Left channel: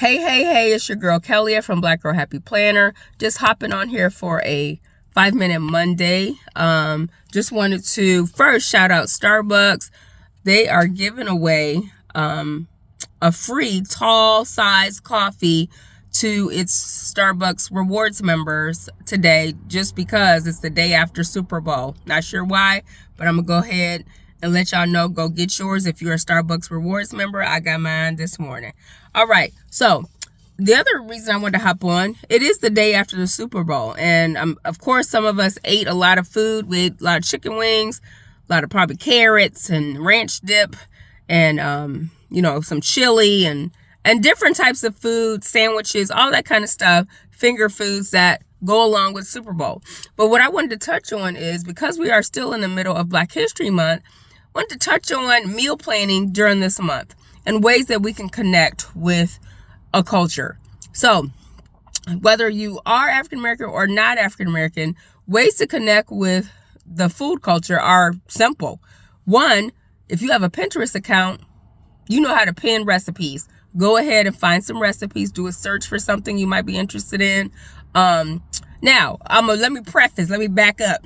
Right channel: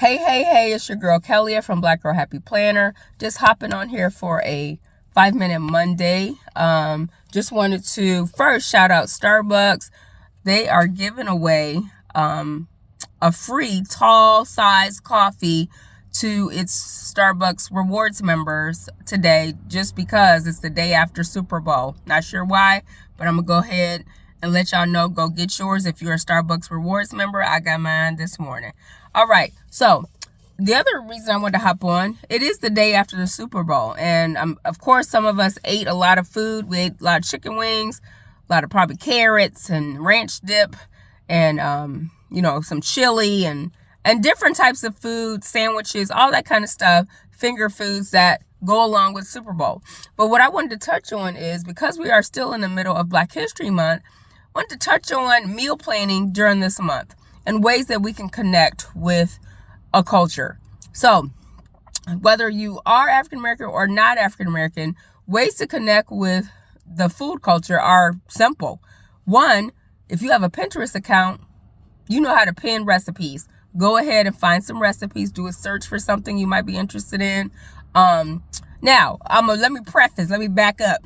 Hey, it's your girl Kelly from Black Girl Happy Planner. Just hopping on here for a 5-minute Monday. Just wanted to first shout out Starbucks. They are giving away a free tall size coffee to its Starbucks rewards members today, just because it's the day after Super Bowl. Not sure why, but I'm gonna go ahead and let y'all know. Go get yours if you're a Starbucks rewards member. I got mine this morning. All right, so the other reason I wanted to hop on, it is the day after the Super Bowl, and of course some of us ate a lot of food. We ate a lot of chicken wings, a lot of probably carrots and ranch dip, and some chili and different types of food, sandwiches, all that kind of stuff, finger foods that go along with Super Bowl. But what I wanted to touch on is, because we are still in the middle of Black History Month, I wanted to touch on meal planning during this month and ways that we can connect with a culture. So whether you are African American or not African American, ways to connect with the food culture are simple. One, if you have a Pinterest account, you know how to pin recipes. Go ahead and find some recipes, do a search for something you might be interested in. Now, let me back up.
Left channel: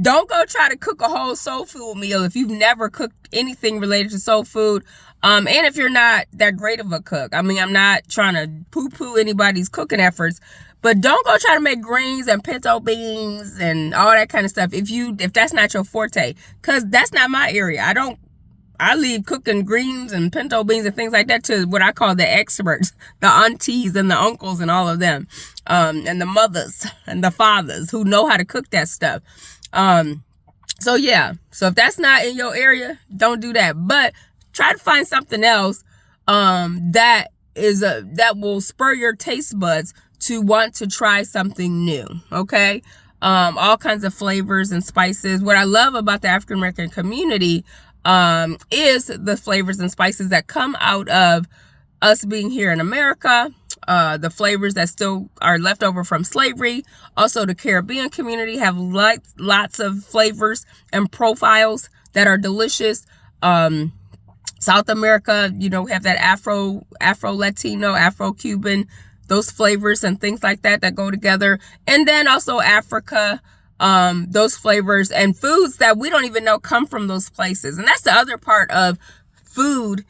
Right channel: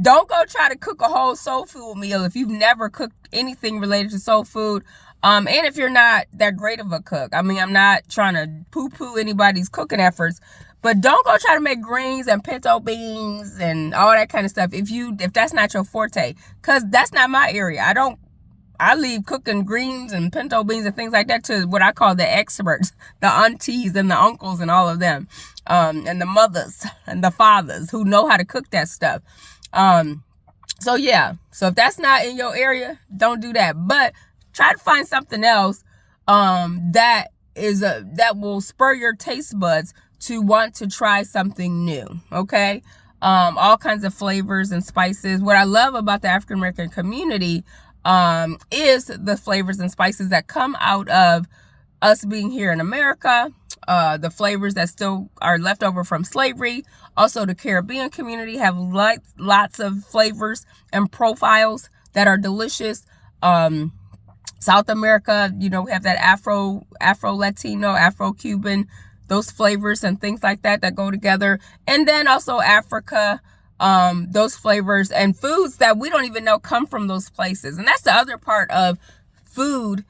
Don't go try to cook a whole soul food meal if you've never cooked anything related to soul food. And if you're not that great of a cook. I mean, I'm not trying to poo-poo anybody's cooking efforts, but don't go try to make greens and pinto beans and all that kind of stuff if that's not your forte, because that's not my area. I leave cooking greens and pinto beans and things like that to what I call the experts, the aunties and the uncles and all of them, and the mothers and the fathers who know how to cook that stuff. So if that's not in your area, don't do that. But try to find something else that will spur your taste buds to want to try something new. Okay, all kinds of flavors and spices. What I love about the African American community is the flavors and spices that come out of us being here in America, the flavors that still are left over from slavery. Also, the Caribbean community have lots of flavors and profiles that are delicious. South America, we have that Afro-Latino, Afro-Cuban, those flavors and things like that go together. And then also Africa, those flavors and foods that we don't even know come from those places. And that's the other part of food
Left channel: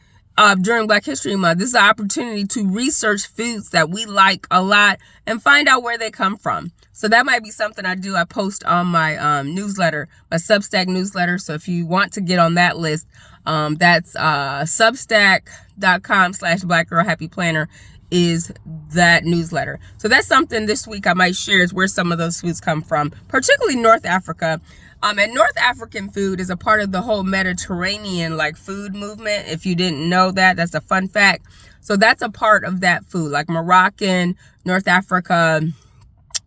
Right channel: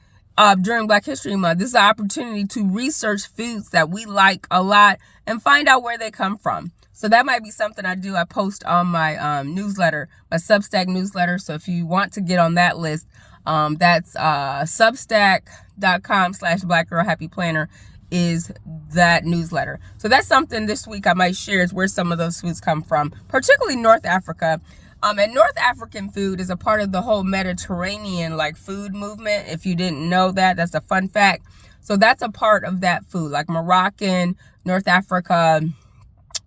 during Black History Month. This is an opportunity to research foods that we like a lot and find out where they come from. So that might be something I do. I post on my newsletter, my Substack newsletter. So if you want to get on that list, that's substack.com/blackgirlhappyplanner is that newsletter. So that's something this week I might share, is where some of those foods come from, particularly North Africa. And North African food is a part of the whole Mediterranean food movement. If you didn't know that, that's a fun fact. So that's a part of that food, like Moroccan, North Africa,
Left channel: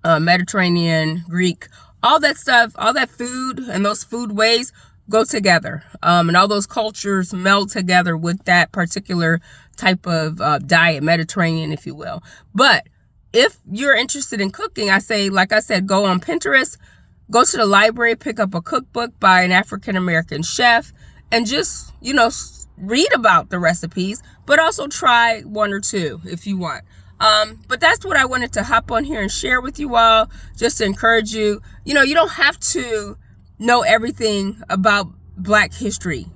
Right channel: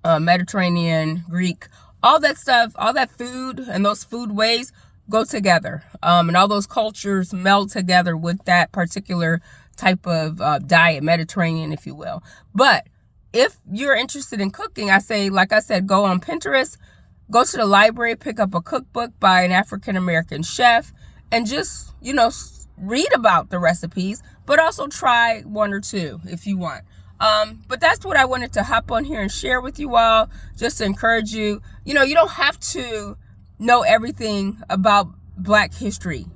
Mediterranean, Greek, all that stuff, all that food and those food ways go together. And all those cultures meld together with that particular type of diet, Mediterranean, if you will. But if you're interested in cooking, like I said, go on Pinterest, go to the library, pick up a cookbook by an African American chef, and just, read about the recipes, but also try one or two if you want. But that's what I wanted to hop on here and share with you all, just to encourage you. You don't have to know everything about Black history.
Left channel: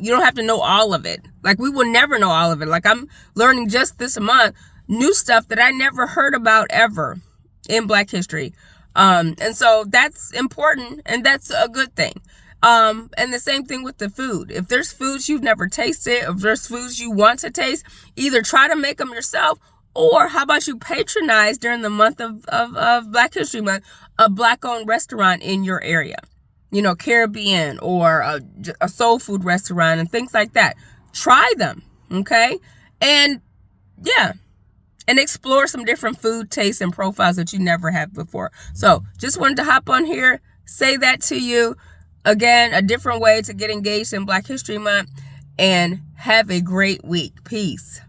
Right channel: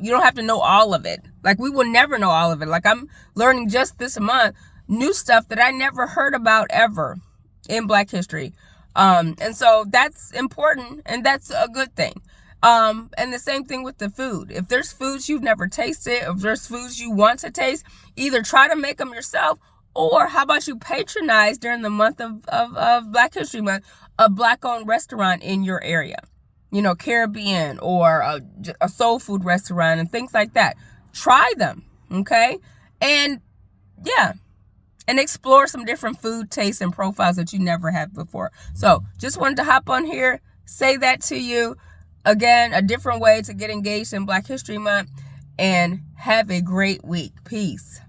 You don't have to know all of it. We will never know all of it. I'm learning just this month new stuff that I never heard about ever in Black history. And so that's important, and that's a good thing. And the same thing with the food. If there's foods you've never tasted, if there's foods you want to taste, either try to make them yourself, or how about you patronize during the month of Black History Month, a Black-owned restaurant in your area. Caribbean or a soul food restaurant and things like that. Try them, okay? And explore some different food tastes and profiles that you never have before. So just wanted to hop on here, say that to you. Again, a different way to get engaged in Black History Month, and have a great week. Peace.